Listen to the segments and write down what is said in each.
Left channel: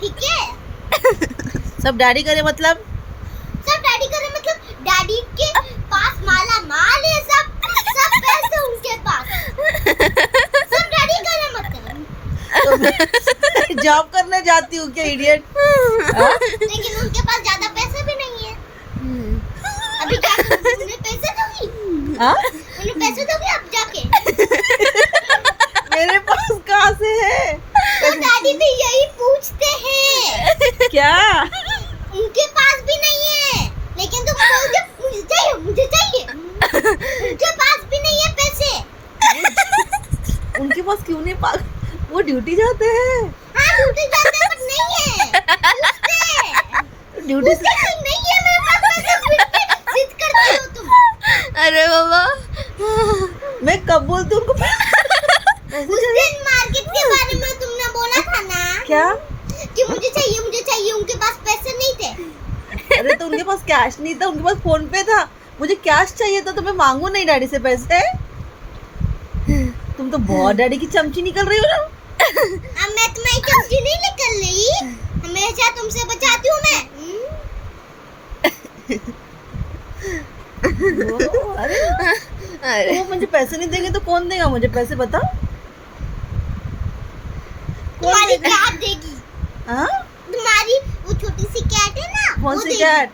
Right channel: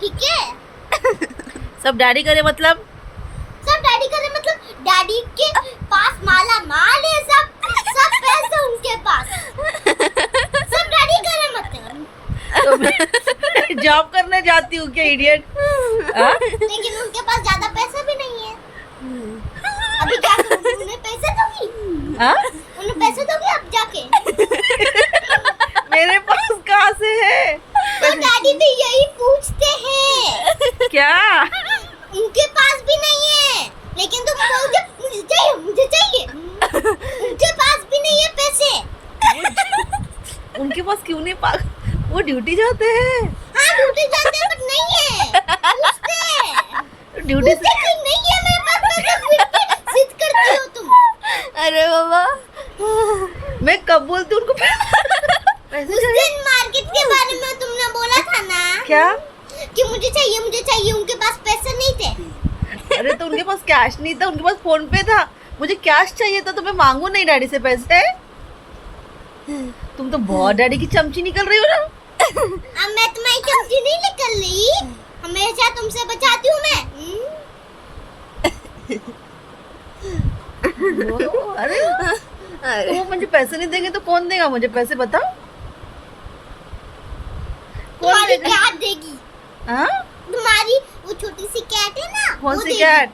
ठीक है। सब डैडी करे मतलब डैडी के पास माला माल है, सब पैसे उनके पास, सब डैडी करे मतलब। तो जॉब करने जाती हूँ क्या इडियट? लेकिन उनके पास ज्यादा पैसे भी नहीं है। अभी जाके उन्हें पैसे दोगी? उन्हें पैसे दोगी अब जाके? मेरे पास कहाँ से है? तो डैडी भी यही पूछते हैं। क्या? उनके पास भी नहीं है, लेकिन तुम बोलते मुझे चाहिए। उनके पास भी नहीं है पैसे। उनके पास क्यों नहीं वो ड्यूटी जाते हैं। हाँ ड्यूटी जाते हैं, बट नहीं है। ड्यूटी से नहीं है मेरे पास पैसे, जिद करती हो तुम। अरे बाबा, मैं कब बोलती हूँ उनको पैसे उस दिन मार्केट के बारे में तुमने बोला था ना। क्या? कि मुझे चाहिए, उनके पास पैसे नहीं थे। अरे तो उनके पास कैश नहीं था, उनके पास फोन पे था। मुझे कैश चाहिए था तो मैं मांगू नहीं डैडी से पैसे। तुम तो बहुत डैडी की चमची निकल रही हो ना। अब मैं तुम्हारी चमची नहीं निकल रही, हमेशा तुमसे बचाती हूँ मैं। अरे वो मुझे पैसे नहीं देंगे तो कौन देगा मुझे पैसे, बताओ? तुम्हारी कैट देगी। हाँ? तुम्हारी वो छोटी सी कैट है ना। कौन सी कैट?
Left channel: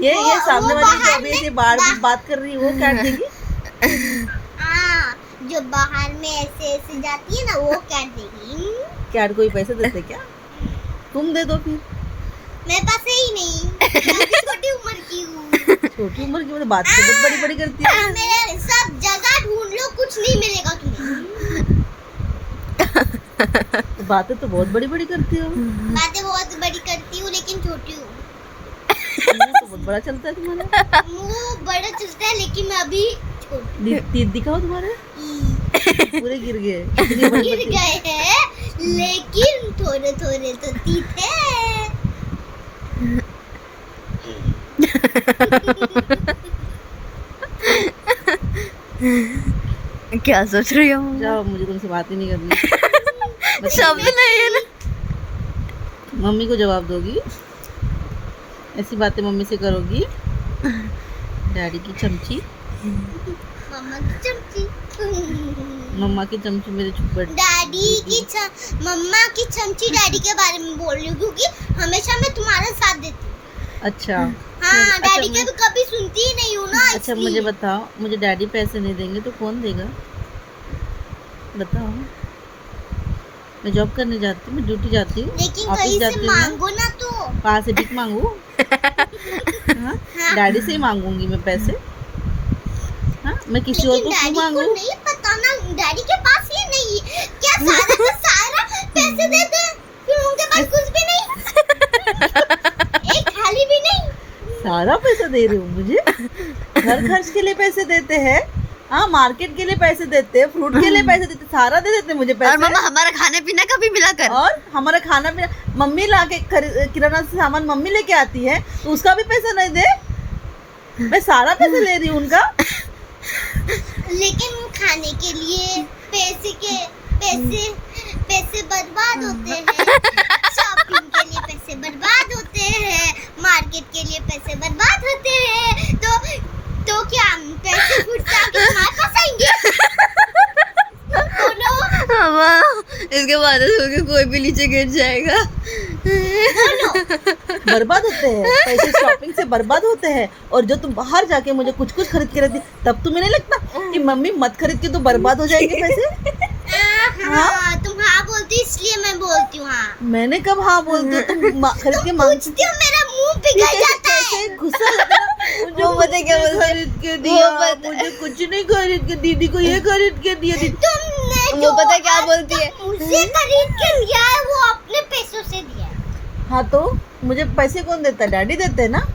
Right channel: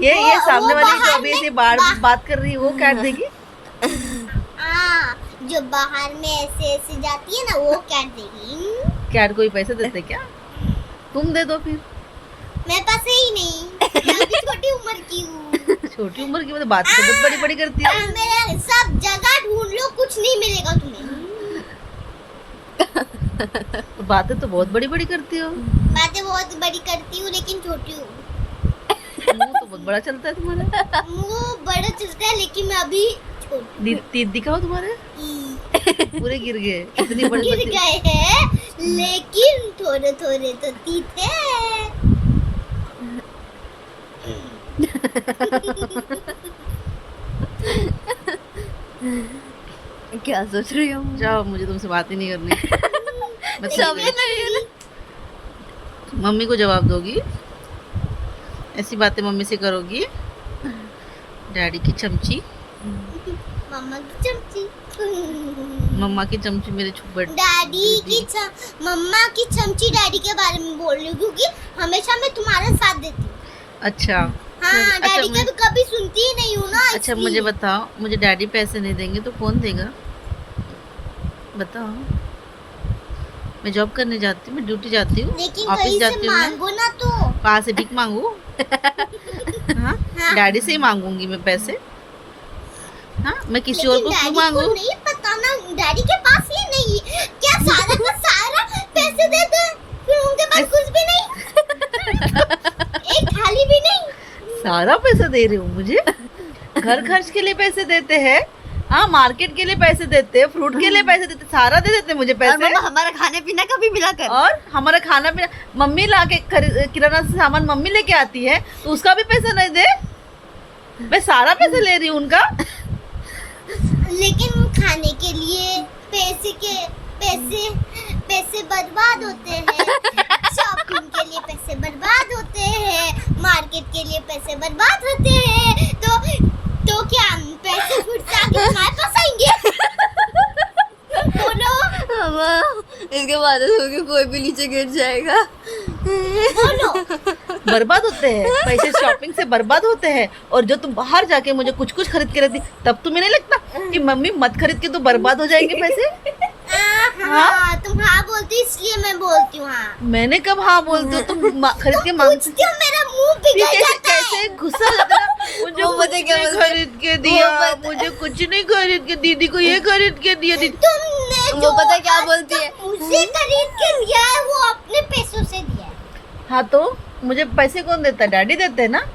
ये सामने वाली जो अभी ऐसे बात कर रही है वो कैट देगी? हाँ, जो बाहर में ऐसे ऐसे जाती है ना, वो कैट देगी। कैट कोई पैसे देते क्या? तुम दे दो फिर। मेरे पास है ही नहीं, मैं भी छोटी उम्र की हूँ। छोटी उम्र की मतलब बात तो बहुत बड़ी बड़ी करती है। मेरे सब जगह ढूंढ लो, कुछ नहीं मिलेगा तुम्हें। बातें तो बहुत बड़ी बड़ी करती हो। बातें बहुत बड़ी करती हूँ, लेकिन छोटी हूँ। मुंह तो बहुत बड़ा चलता है तुम्हारा। मुंह बड़ा चलता है, लेकिन मैं अभी छोटी। तीत दिखाओ तुम्हारे। पूरे गिर गए। इतनी बड़ी गिर गए हैं, लेकिन थोड़े थोड़े तो तीत है। क्या सोच रही हो? जाओ, मुझे तुमसे बात ही नहीं करनी। सब नहीं है ना। मम्मी को जवाब दोगी, ऐसी बातें मम्मी से करोगी। डैडी की चमची, मम्मा की चमची। मम्मा की चमची मेरे छुपट। मम्मा की चमची डैडी के बारे में बोल रही हूँ, क्योंकि हमेशा मैं तुम्हारा साथ देती हूँ। अच्छा हाँ, डैडी का भी कभी सुनती ही नहीं हूँ ना। अच्छा मुझे बताओ, मुझे डैडी पैसे नहीं देंगे तो कौन देगा, बताओ? मैं जॉब करने जाती हूँ, मैं ड्यूटी जाती हूँ, लेकिन ऑफिस कहीं जाती से हूँ। मांगो ना तो। कहाँ से भीख मांगू? हाँ? डैडी से ही मांगूंगी मैं पैसे। हाँ, मैं किसी और को क्यों मांगू? नहीं पता ना, डैडी के पास ये नहीं है क्या? सारा का सारा पैसे देते हैं, फिर उनके पास कुछ भी नहीं, एक थाली भी नहीं। सारा पैसा दे रहे हो मुझे? घर खर्च के लिए पैसे देते हैं, हाँ, मार्केट के लिए पैसे देते हैं, फ्रूट के लिए पैसे देते, सारा दे देते मुझे पैसे। और हमारा खाने पीना का भी मिला कर। और हमारा खाना पीना मम्मी ला के किराना से सामान मम्मी लेके आती है, तो उसका भी पैसा नहीं दे? मैं सारा पैसा ले रही हूँ उनका। लेकिन खाने के लिए पैसे बर्बाद होते हैं, शॉपिंग के लिए पैसे बर्बाद होते हैं, मार्केट के लिए पैसे बर्बाद होते हैं, तो क्या पैसे फुटता के हमारे पास आएंगे? बोलो। इसके बाद कोई भी नीचे गिर जाएगा। बोलो। बर्बाद होते हैं पैसे, शॉपिंग से बर्बाद होते हैं। और जो तुम बाहर जाके मुझे कुछ कुछ खरीद के रखती, तब तुम्हें नहीं लगता कि मम्मी मत खरीद के तो बर्बाद हो जाएंगे पैसे? हाँ, तुम हाँ बोलती इसलिए मैं बोलती हूँ। हाँ, मैंने कब हाँ बोलती हूँ? तुम खरीद के मांगती पूछती हो, मेरा मुंह पिघल जाता है। कैसे गुस्सा लगता है? मुझे वो कुछ पता क्या नहीं बोलते? खरीद के दिया, मुझे कुछ नहीं खरीद के, दीदी को ये खरीद के दिया। तुमने वो पता क्या बोलती है? मुझे खरीद के लिया है, वो अपने पैसों से दिया है। हाँ, तो मुझे पैसे कौन देता है? डैडी देते हैं ना।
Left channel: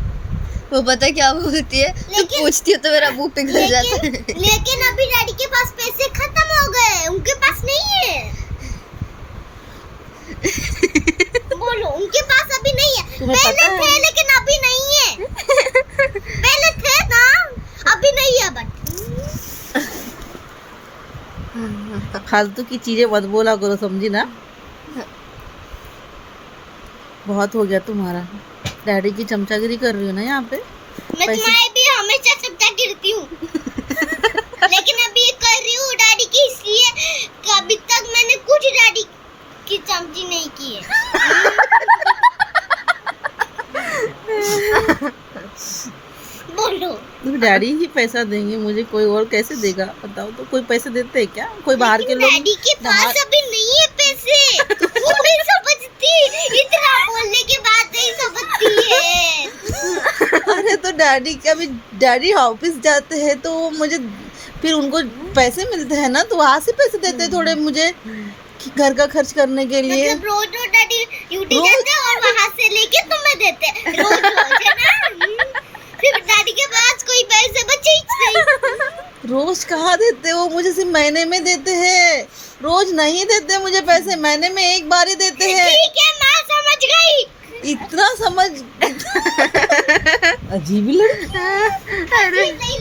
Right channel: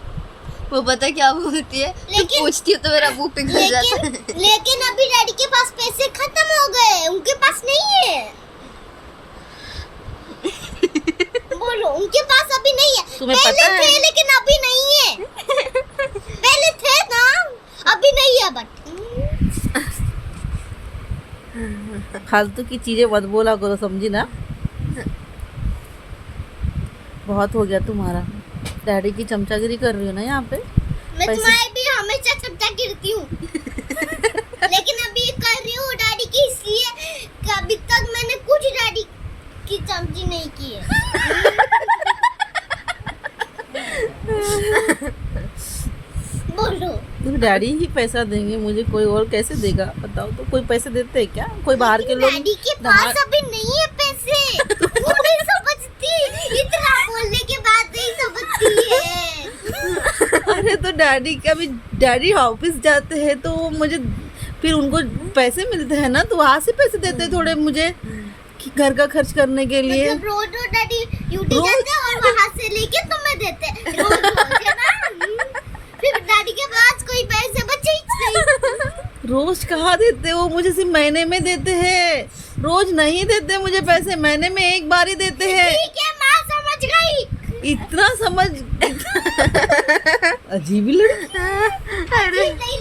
वो पता क्या बोलती है? लेकिन पूछती हो तो मेरा मुंह पिघल जाता है। लेकिन अभी डैडी के पास पैसे खत्म हो गए, उनके पास नहीं है। बोलो, उनके पास अभी नहीं है। तुम्हें पहले पता है? थे, लेकिन अभी नहीं है। पहले थे ना, अभी नहीं है। बट फालतू की चीजें मत बोला करो, समझी ना? बहुत हो गया तुम्हारा। डैडी की चमचागिरी कर रही हो ना यहाँ पे। मैं पैसे- तुम्हारे भी हमेशा चमचा गिरती हूँ लेकिन अभी ये कर रही हूँ डैडी की, इसलिए कि अभी तक मैंने कुछ डैडी की चमची नहीं की है। बोलो। डैडी ही पैसा देंगे मुझे, कोई और कैसे देगा बताओ तो। कोई पैसे देते हैं क्या? कोई बाहर के लोग? डैडी के पास अभी नहीं है पैसे। वो नहीं समझती, इतना बोलने के बाद नहीं समझती है। अरे तो डैडी का भी, डैडी ऑफिस जाते हैं तो मुझे फिर उनको पैसे मिलते हैं ना, तो वहाँ से पैसे देते हैं थोड़े मुझे कि घर का खर्च करने के लिए। मतलब रोज रोज डैडी ड्यूटी जाते हैं और वहाँ से लेके तुम्हें देते हैं रोज रोज, है ना? फिर डैडी के पास कोई पैसे बचे ही नहीं। रोज कहाँ देते हो मुझे? सिर्फ महीने में देते हैं, रोज नहीं देते मुझे पैसे, महीने में एक बार ही देते हैं। ठीक है, माँ समझ गई। इतना समझ अजीब लड़की। नहीं